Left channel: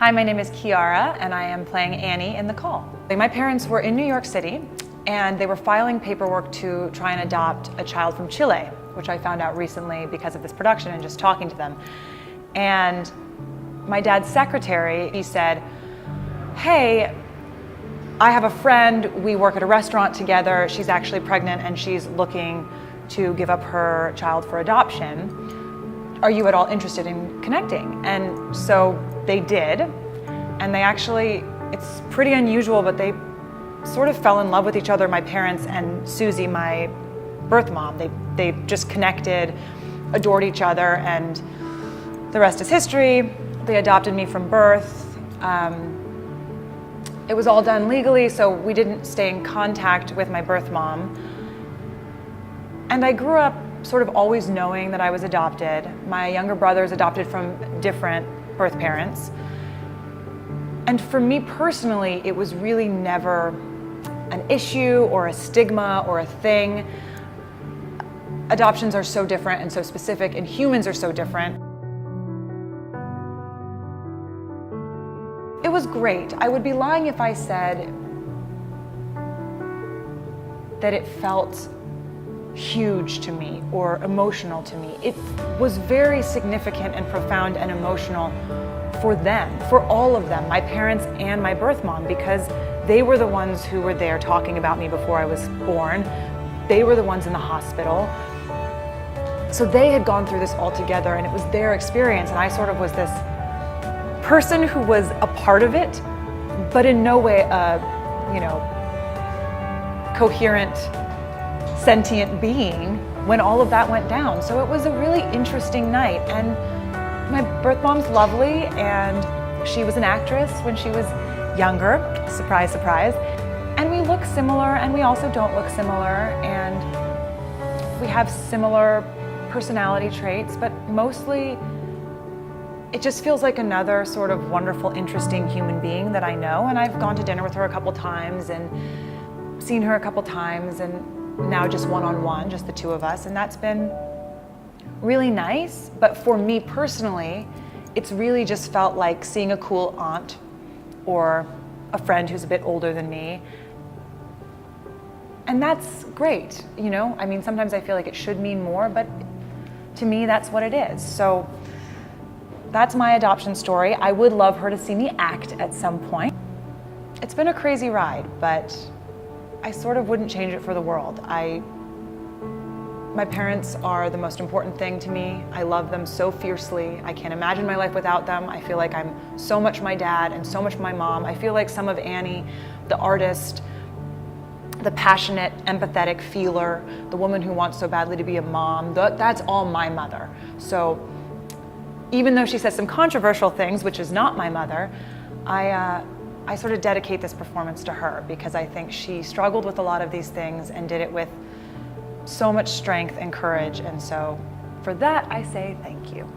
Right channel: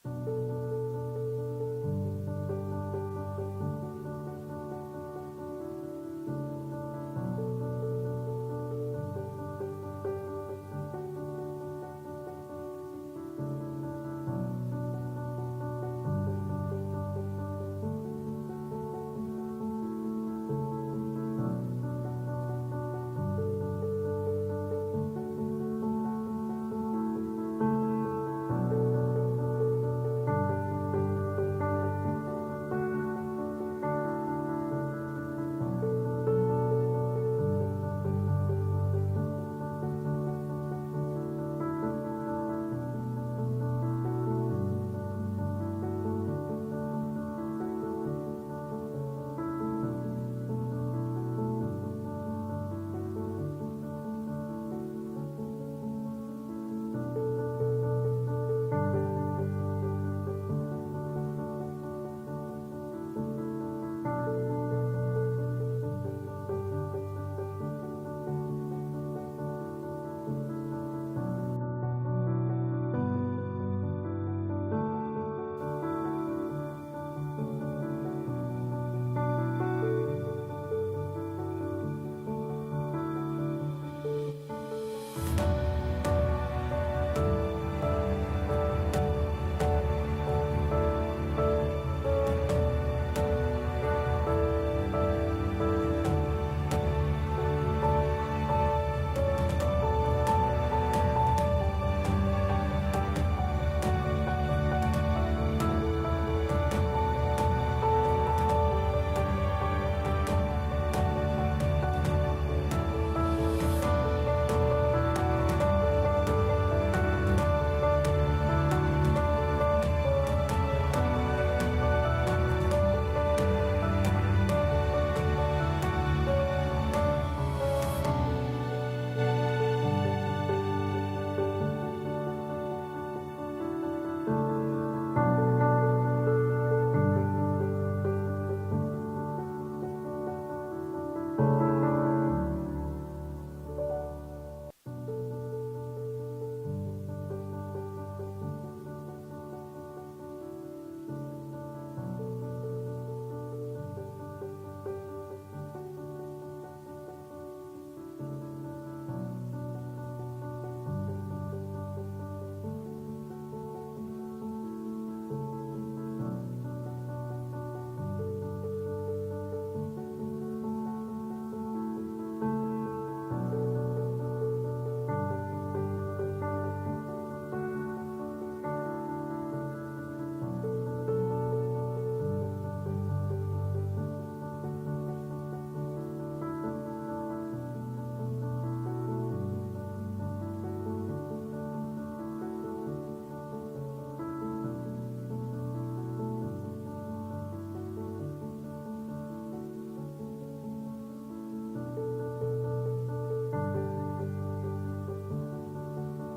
Hi, my name is Chiara, and I am playing Annie in The Call. My parents were in New York City, and they were filing paperwork to try and adopt a child from Chile, which I found out recently because of this production and just talking to them. And my dad's secretary, he said, hey, I have a friend, we work at a restaurant together, she's actually pregnant and she's looking to give up her child for adoption. Are you at all interested in connecting? And so they did, and they actually, it's pretty unusual, but they sort of fell in love with each other, my parents and Susie, my birth mom. They just connected, adored each other, and the rest is history. They adopted me from birth. It was all done legally, so we didn't stay in contact with my birth mom. And I grew up sort of always knowing that I was adopted. My younger brother's adopted from different birth parents. And for me personally, it was really never an issue or a stigma or a thing. Adoptions are so different and so specific, and humans are so different. It was great. I would be lying if I said that it felt huge to me or emotional to me. It was very significant and profound and emotional for them, for all of them, my parents and my birth mom, because they were the ones who were there talking about me before I was born. They were the ones in the hospital. So they had gone through this all together, and it was their experience, and I sort of was this person who was a part of it, but in no way a, coherent, sentient being when all of that went down. So it was a really interesting night, and my birth mom's lovely, and she was an actress when she was younger, surprise, surprise, and we look similar, and we also don't look similar, and we have similar personality traits, but mostly it just feels like another sort of wonderful, interesting human being that I know, and I've gone to dinner with her a couple times and seen her a couple times, and now just one-on-one, just the two of us, and that's been really nice. But for me personally, it's really just felt like seeing a cool aunt or a friend who's a bit older than me. And that's great, I mean, sometimes I feel like it should mean more, but to me, that's what it is. So that's my adoption story. I would love her to see me act at some point. It's been a crazy ride, but I sort of wouldn't change it for the world. My parents are the most important thing to me. I love them so fiercely. I can't imagine my life without them. I feel like I'm so much my dad and so much my mom. I feel like some of Annie, the artist, the passionate, empathetic feeler, the woman who wants so badly to be a mom, that's all my mother. So even though she says some controversial things, which is not my mother, I sort of dedicate this performance to her because I think she struggled with a lot of these things and did it with so much strength and courage. And so for that, I say thank you.